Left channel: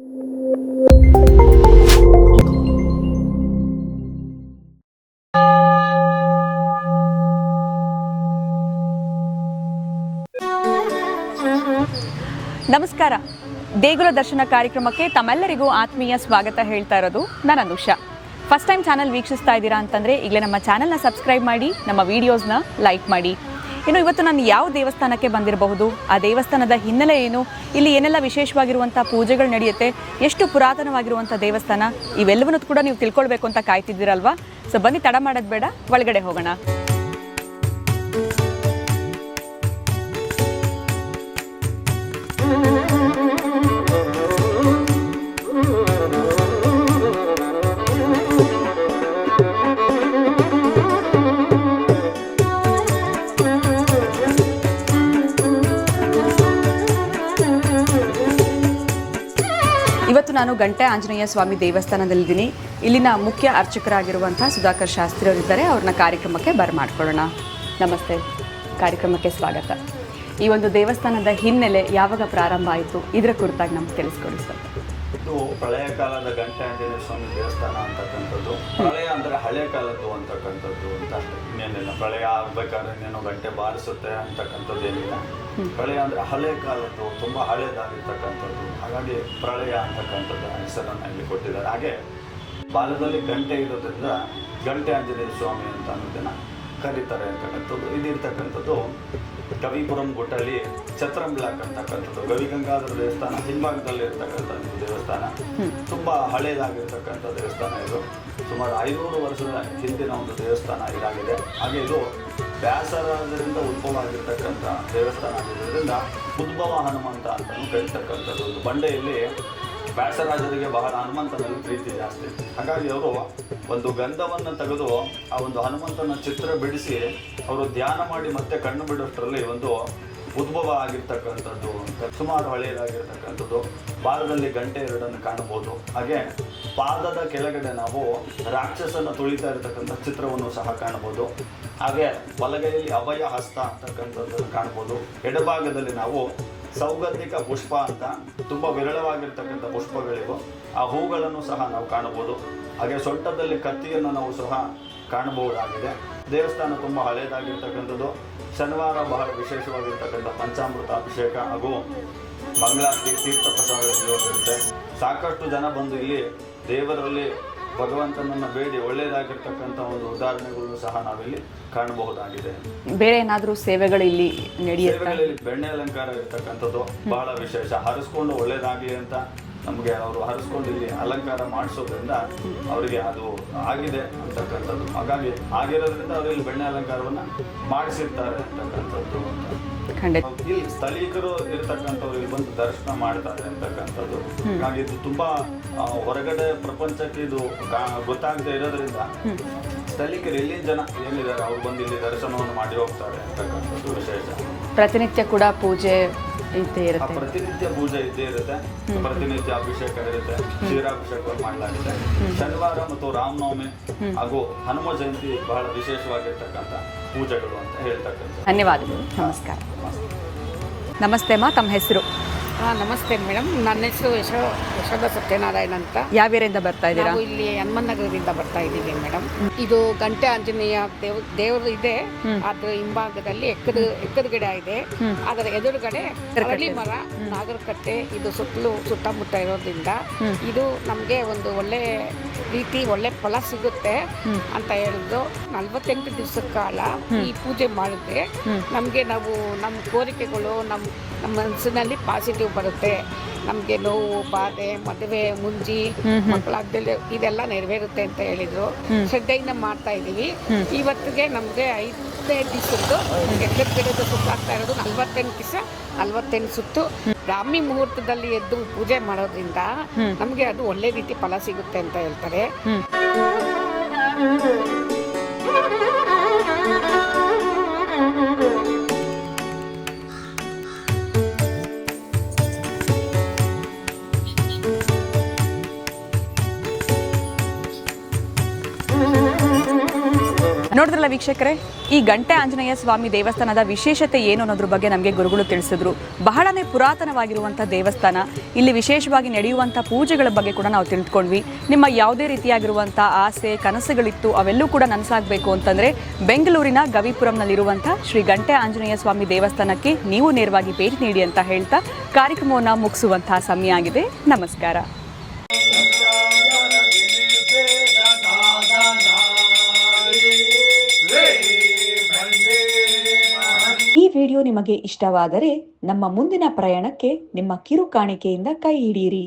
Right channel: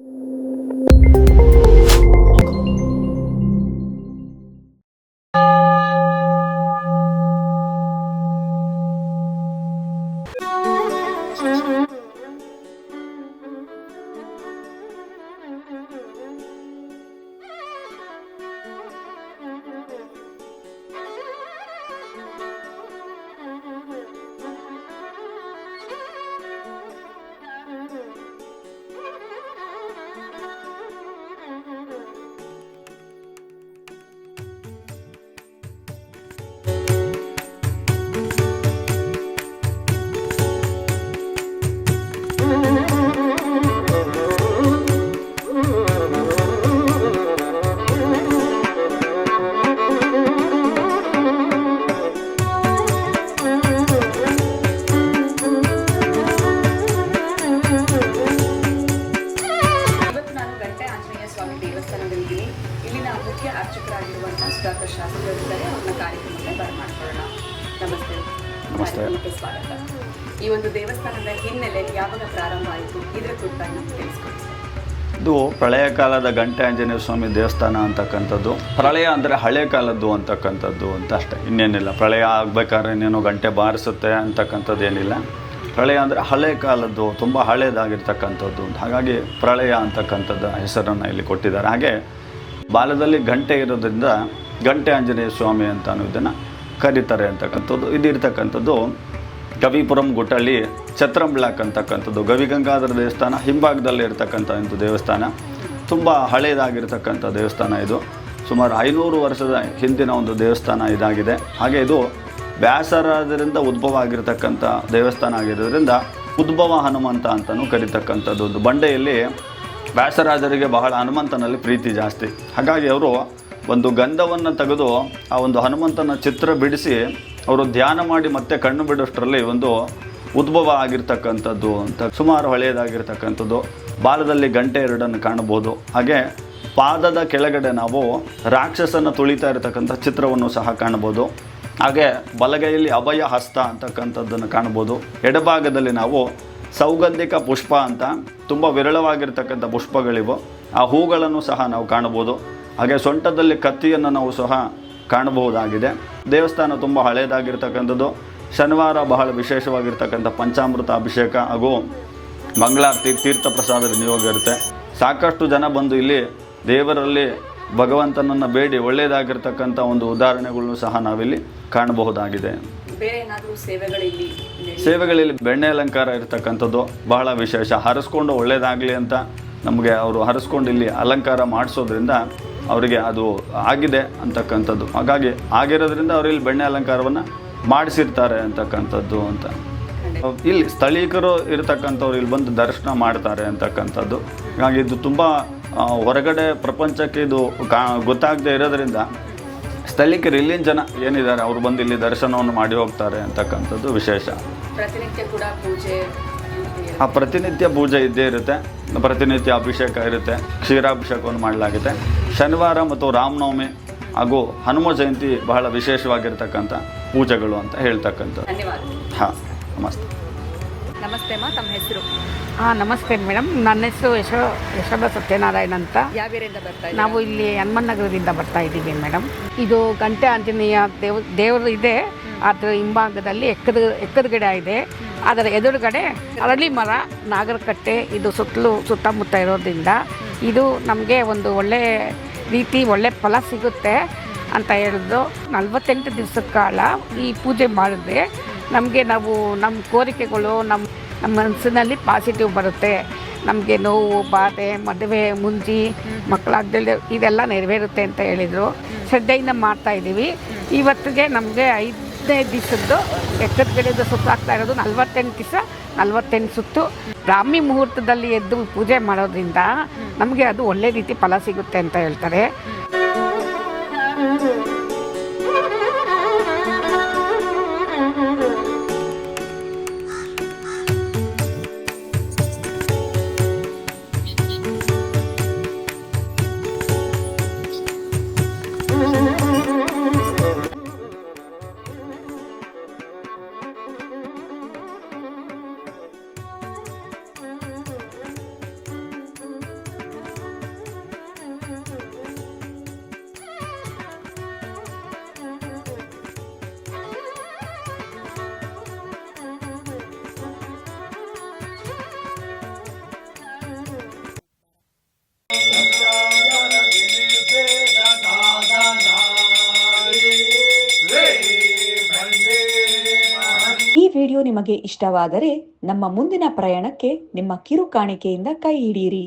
ನಮಸ್ಕಾರ. ದೇಗುಲ ದರ್ಶನ ಕಾರ್ಯಕ್ರಮಕ್ಕೆ ತಮ್ಮೆಲ್ಲರಿಗೂ ಆತ್ಮೀಯ ಸ್ವಾಗತ ಹೇಳ್ತಾ ಇರೋದು ನಾನು ಅನುಷಾ. ಫಸ್ಟ್ ಟೈಮ್ ಚಾನಲ್ ವೀಕ್ಷಿಸ್ತಾ ಇದ್ದೀರಾ ಅಂತಂದರೆ ಈಗಲೇ ನಮ್ಮ ಚಾನಲ್ನ ಸಬ್ಸ್ಕ್ರೈಬ್ ಮಾಡಿ, ನಮ್ಮ ವೀಡಿಯೋಸ್ನ ಲೈಕ್ ಮಾಡಿ. ಇನ್ನು ಇವತ್ತು ನಾನು ಯಾವ ದೇವಸ್ಥಾನಕ್ಕೆ ಬಂದಿರಬಹುದು, ಆ ದೇವಸ್ಥಾನದ ಹಿನ್ನೆಲೆ ಏನು, ಇಲ್ಲಿ ಏನೆಲ್ಲ ವಿಶೇಷವಾಗಿರುವಂಥ ಪೂಜೆಗಳು ನಡೆಯುತ್ತೆ, ಎಷ್ಟು ಪುರಾತನವಾಗಿರುವಂಥ ದೇವಸ್ಥಾನ, ಇವೆಲ್ಲವನ್ನೂ ಕೂಡ ನೀವು ತಿಳ್ಕೊಳ್ಬೇಕು ಅಂತ ಕಾಯ್ತಿದ್ದೀರಲ್ವಾ? ಸೊ ಬನ್ನಿ, ತಡ ಮಾಡೋದು ಬೇಡ, ಒಳಗಡೆ ಹೋಗೋಣ. ನಾನು ಗಂಟೆ ಆಂಜನೇಯ ಸ್ವಾಮಿ ದೇವಸ್ಥಾನದಲ್ಲಿದ್ದೀನಿ. ಇಲ್ಲಿನ ಮುಖ್ಯ ಅರ್ಚಕರಾಗಿರುವಂತಹ ಸುಧಾಕರ್ ಶಾಸ್ತ್ರಿ ಅವರಿದ್ದಾರೆ. ಅವ್ರನ್ನ ಕಾರ್ಯಕ್ರಮಕ್ಕೆ ಬರಮಾಡ್ಕೊಳ್ಳೋಣ. ನಮಸ್ತೆ, ಕಾರ್ಯಕ್ರಮಕ್ಕೆ ಸ್ವಾಗತ. ಈ ಒಂದು ದೇವಸ್ಥಾನದ ಹಿನ್ನೆಲೆ ಯಾವಾಗ ಪ್ರಾರಂಭ ಆಯಿತು, ಇದರ ಕುರಿತಾಗಿ ನಮ್ಗೆ ತಿಳಿಸ್ಕೊಳ್ಳಿ ಸರ್. ಇದು ಪ್ರಳಯ ಕಾಲದ ಗಂಟೆ ಆಂಜನೇಯ ಸ್ವಾಮಿ ದೇವಸ್ಥಾನ ಅಂತಕ್ಕಂಥದ್ದು. ಪ್ರಳಯ ಅಂದರೆ ಹಳೆ ಕಾಲದ್ದು ಅಂತಕ್ಕಂಥದ್ದು ಅಂತ ಅಷ್ಟೇ, ಇನ್ನೇನಿಲ್ಲ. ಪ್ರಳಯ ಆಗ್ಬೇಕಾದ್ರೆ ಇನ್ನೇನು ಗಂಟೆ ಬಾರಿಸುತ್ತೆ ಅಂತಕ್ಕಂಥದ್ದು ಏನಿಲ್ಲ. ಪ್ರಳಯ ಅಂದರೆ ಹಳೆ ಕಾಲದ್ದು, ತುಂಬ ಹಳೇದಾಗಿರ್ತಕ್ಕಂಥದ್ದು. ಹಾಗಾಗಿ ಪ್ರಳಯ ಅಂತಕ್ಕಂಥದ್ದು ಹೆಸರನ್ನು ಇಲ್ಲಿ ಕೊಟ್ಟಿದ್ದಾರೆ. ಹಾಗೆ ಬಾಲದಲ್ಲಿ ಗಂಟೆ ಇರೋದ್ರಿಂದ ಗಂಟೆ ಆಂಜನೇಯ ಸ್ವಾಮಿ ಅಂತ ಅನ್ನೋದನ್ನು ಕರೀತಾರೆ ಅಂತಕ್ಕಂಥದ್ದು. ಇದಿರ್ತಕ್ಕಂಥದ್ದು ಗವಿಪುರಂ ಗುಟ್ಟಳ್ಳಿ ಛತ್ರಂ ಬ್ಲಾಕ್ ಅಂತಕ್ಕಂಥದ್ದು. ಗವಿಗಂಗಾಧರ ದೇವಸ್ಥಾನ ಹಿಂಭಾಗದಲ್ಲಿ ಇರ್ತಕ್ಕಂಥ ಒಂದು ದೇವಸ್ಥಾನ. ತುಂಬ ಹಳೇದಾಗಿರ್ತಕ್ಕಂಥ ದೇವಸ್ಥಾನ ಇದು. ಸುಮಾರು 500 ವರ್ಷದ ಹಿಂದಿನ ಒಂದು ದೇವಸ್ಥಾನ ಇದಾಗಿದೆ. ಹಾಗೆ ಇದು ವ್ಯಾಸರಾಜರಿಂದ ಉದ್ಭವ ಆಗಿರ್ತಕ್ಕಂಥ ದೇವಸ್ಥಾನ ಆಗಿರೋದ್ರಿಂದ ಉದ್ಭವ ಹನುಮಂತ ಅಂತಲೂ ಕರೀತಕ್ಕಂಥದ್ದು. ಒಂದು ಬಂಡೆಯಲ್ಲಿ ವ್ಯಾಸರಾಜರಿಗೆ ಬಹಳ ಹನುಮಂತನಲ್ಲಿ ಪ್ರೀತಿ ಜಾಸ್ತಿ. ಹಾಗಾಗಿ ಅವರು ಒಂದು ಗಂಧವನ್ನು ತೆಗೆದು ಆ ಒಂದು ಹನುಮಂತನ ಚಿತ್ರ ಬಿಡಿಸಿ ಅವರು ಧ್ಯಾನ ಮಾಡಿ ಮತ್ತೆ ಕಣ್ಣು ಬಿಡೋಷ್ಟರಲ್ಲಿ ಒಂದು ಉದ್ಭವ ಆಗಿರ್ತಕ್ಕಂಥದ್ದು ಅಂತ. ಸುಮಾರು ಹಳೆಯದಾಗಿರ್ತಕ್ಕಂಥದ್ದು. ಬಾಲದಲ್ಲಿ ಗಂಟೆ ಎರಡನ್ನು ಕಾಣಬಹುದು. ಹಾಗೆ ಪಾದದ ಕೆಳಗಡೆ ನಾವು ರಾಕ್ಷಸನ ತುಳಿತಾ ಇರತಕ್ಕಂಥ ಚಿತ್ರವನ್ನು ಸಹ ಕಾಣಬಹುದು. ಹಾಗೆ ಬಲಗೈಯಲ್ಲಿ ಅಭಯ ಹಸ್ತ ಅಂತಕ್ಕಂಥದ್ದನ್ನು ಕಾಣ್ಬೋದು. ಎಡಭಾಗದಲ್ಲಿ ನಾವು ಸೌಗಂಧಿಕ ಪುಷ್ಪ ಅಂತ ತುಂಬ ವಿರಳವಾಗಿರ್ತಕ್ಕಂಥ ಪುಷ್ಪಗಳಿವು. ಆ ಹೂಗಳನ್ನು ಸಹ ನಾವು ಕಾಣಬಹುದು. ಹಾಗೆ ಸೊಂಟದಲ್ಲಿ ಕತ್ತಿಯನ್ನು ನಾವು ಸಹ ಕಾಣಬಹುದಾಗಿದೆ. ದೇವಸ್ಥಾನ ತುಂಬ ಹಳೆಯದಾಗಿರ್ತಕ್ಕಂಥದ್ದು. ಶನಿವಾರ ಬಹಳ ವಿಶೇಷವಾಗಿರ್ತಕ್ಕಂಥ ಪಂಚಾಮೃತ ಅಭಿಷೇಕ ಹಾಗೂ ಮಂಗಳಾರತಿ ತೀರ್ಥ ಪ್ರಸಾದದ ನಿಯೋಗ ಇರುತ್ತೆ. ಸಾಕಷ್ಟು ಜನ ಬಂದು ಇಲ್ಲಿ ದೇವರಲ್ಲಿ ಭಗವಂತನನ್ನು ಬೇಡಿ ಒಳ್ಳೆಯದಾಗಿರ್ತಕ್ಕಂಥ ಒಂದು ಉದಾಹರಣೆಗಳನ್ನು ಸಹ ನಾವಿಲ್ಲಿ ಕಾಣಬಹುದಾಗಿದೆ. ಬೇರೆ ಏನಾದರೂ ಸೇವೆಗಳಲ್ಲಿ ಬೆಣ್ಣೆ ಅಲಂಕಾರ ಇರತಕ್ಕಂಥದ್ದು ಬಹಳ ವಿಶೇಷ. ಹರಿಸ್ಕೊಂಡು ಒಳ್ಳೆಯದಾಗಲಿ ಅಂತ ನಮಗೆ ಅವರು ಹರಿಸ್ಕೊಂಡು ಇಲ್ಲಿ ಅಲಂಕಾರ ಮಾಡಿಸೋದ್ರಿಂದ ಅವರಿಗೆ ಅದು ಆಗಿದೆ ಅಂತಕ್ಕಂಥದ್ದು. ಹಾಗಾಗಿ ಆಗಿರೋದ್ರಿಂದ ಅವರು ಇಲ್ಲಿ ಬೆಣ್ಣೆ ಅಲಂಕಾರವನ್ನು ಮಾಡಿಸಿರ್ತಾರೆ ಅಂತಕ್ಕಂಥದ್ದು ಅಂತ. ಇಲ್ಲಿ ಸ್ಥಳೀಕರು ಇರತಕ್ಕಂಥವ್ರು ಇಲ್ಲಿ ಬಂದು ದರ್ಶನ ಮಾಡ್ತಾರೆ ಅಂತಕ್ಕಂಥದ್ದು. ಹಾಗಾಗಿ ಇದು ತುಂಬ ಹೊರಗಡೆ ಪ್ರಪಂಚಕ್ಕೆ ಇದು ಗೊತ್ತಾಗದೇ ಇರೋದ್ರಿಂದ ಸ್ಥಳೀಕರು ಇಲ್ಲಿನ ಜನ ಏನಿದ್ದಾರೆ ಅವ್ರು ಬಂದು ಇಲ್ಲಿ ದರ್ಶನವನ್ನು ಮಾಡಿ ಹೋಗ್ತಾರೆ ಅಂತಕ್ಕಂಥದ್ದು ವಿಶೇಷ. ಪ್ರತಿನಿತ್ಯ ಕೂಡ ಪೂಜೆ ಪ್ರತಿನಿತ್ಯ ಪೂಜೆ ಇದ್ದೇ ಇರುತ್ತೆ. ಪ್ರತಿನಿತ್ಯ ಅಭಿಷೇಕ ಇರುತ್ತೆ. ಕ್ಷೀರಾಭಿಷೇಕವನ್ನು ಮಾಡಲಾಗುತ್ತೆ. ಶನಿವಾರ ಮತ್ತು ರಾಮನವಮಿ ಹಾಗೂ ಹನುಮ ಜಯಂತಿ ಬಹಳ ವಿಶೇಷವಾಗಿರ್ತಕ್ಕಂಥ ಪೂಜೆಗಳು ಅಂತ ಹೇಳ್ತಕ್ಕಂಥ. ಧನ್ಯವಾದಗಳು. ನಮಸ್ತೆ. ನಮಸ್ತೆ ಅಮ್ಮ, ತಮ್ಮ ಹೆಸರು? ನಮಸ್ತೆ ಮೇಡಮ್, ನನ್ನ ಹೆಸರು ಯಶೋಧ ಸತ್ಯನಾರಾಯಣ ಅಂತ. ಯಾವ ಏರಿಯಿಂದ ಬರ್ತಾ ಇದ್ದೀರಾ? ನಾವು ಇಲ್ಲಿ ಹನುಮನಗರದಿಂದ ಬರ್ತಾ ಇದ್ದೀವಿ ಮೇಡಮ್. ಇದು ಗಂಟೆ ಆಂಜನೇಯ ದೇವರು ಇದೆ. ಅದ್ರ ಹಿಂಭಾಗದಲ್ಲಿ ಎಕ್ಕದ ಗಿಡ ಇದೆ. ಅದರ ಎದುರುಗಡೆ ಅರಳಿ ಮರ, ನಾಗರಕಟ್ಟೆ, ಇದು ಸುತ್ತಮುತ್ತ ಇರೋದ್ರಿಂದ ಇದು ನಮಗೆ ಒಂದು ಒಳ್ಳೆ ಒಳ್ಳೆ ಫಲ ಸಿಗುತ್ತೆ ಅಂತ ಹೇಳಿದ್ರು. 48 ದಿವಸದ ಕಾಲ ಈ ಪೂಜೆ ಮಾಡಿದ್ರೆ ನಮಗೆ ನಮ್ಮ ಕೋರಿಕೆಗಳು ನಮ್ಮ ಮನಸ್ಸಿನಲ್ಲಿ ಪಾಸಿಟಿವ್ ಬರುತ್ತೆ. ನಮಗೆ ನೋವು, ಬಾಧೆ, ಮದುವೆ, ಮುಂಜಿ, ಮಕ್ಕಳಾಗ್ದಲ್ಲಿ ಇದೆಲ್ಲ ನೆರವೇರುತ್ತೆ ಅಂತ ಹೇಳಿದರು. ಶ್ರದ್ಧೆಯಿಂದ ಮಾಡ್ತಾ ಇದ್ದೀವಿ. ಇವತ್ತಿಗೆ ನಮಗೆ 5ನೇ ದಿವಸದ್ದು ಎಕ್ಕದ ಸುತ್ತಾಗ್ತಾ ಇರೋದು. 48 ದಿವಸ 48 ಸುತ್ತು ಬ್ರಾಹ್ಮಿ ಮುಹೂರ್ತದಲ್ಲಿ ಎದ್ದು ಪೂಜೆ ಮಾಡೋದ್ರಿಂದ ನಮಗೆ ಅದು ಒಳ್ಳೆ ರೀತಿ ಫಲ ಸಿಗುತ್ತೆ ಅಂತ ಹೇಳ್ತಾರೆ. ನೋಡಿದ್ರಲ್ಲ ವೀಕ್ಷಕರೇ, ಈ ಗಂಟೆ ಆಂಜನೇಯ ಸ್ವಾಮಿ ದೇವಸ್ಥಾನದ ವಿಶೇಷತೆ ಏನು ಅನ್ನೋದ್ರ ಬಗ್ಗೆ ನಮಗೆ ಗುರುಗಳು ತಿಳಿಸಿದ್ರು. ಬಹಳನೇ ಪುರಾತನವಾಗಿರುವಂಥ ದೇವಸ್ಥಾನ. ಇಲ್ಲಿ ವಿಶೇಷವಾಗಿ ನಡೆಯುವಂಥ ಪೂಜೆಗಳ ಬಗ್ಗೆ ಕೂಡ ನಾವು ತಿಳ್ಕೊಂಡ್ವಿ. ನಿಮ್ಮ ಯಾವುದೇ ರೀತಿಯಾಗಿರುವಂಥ ಆಸೆ ಕನಸುಗಳಿತ್ತು ಅವೆಲ್ಲೂ ಕೂಡ ನನಸಾಗಬೇಕು ಅಂತಂದರೆ ಬೆಂಗಳೂರಿನ ಗವಿಪುರಂನಲ್ಲಿರುವಂಥ ಶ್ರೀ ಗಂಟೆ ಆಂಜನೇಯ ಸ್ವಾಮಿ ದೇವಸ್ಥಾನಕ್ಕೆ ನೀವು ನೇರವಾಗಿ ಭೇಟಿ ನೀಡಿ ಅಂತ ಹೇಳ್ತಾ ಕಾರ್ಯಕ್ರಮವನ್ನು ಮುಗಿಸುವಂತಹ ಸಮಯ ಆಗಿದೆ. ನಮಸ್ಕಾರ. ಈ ವಿಡಿಯೋ ನಿಮಗೆ ಇಷ್ಟವಾದರೆ ನಮ್ಮ ಮುಂದಿನ ಪ್ರಯಾಣಕ್ಕೆ ನಿಮ್ಮ ಕಿರು ಕಾಣಿಕೆಯಿಂದ ಕೈ ಹಿಡಿಯಿರಿ.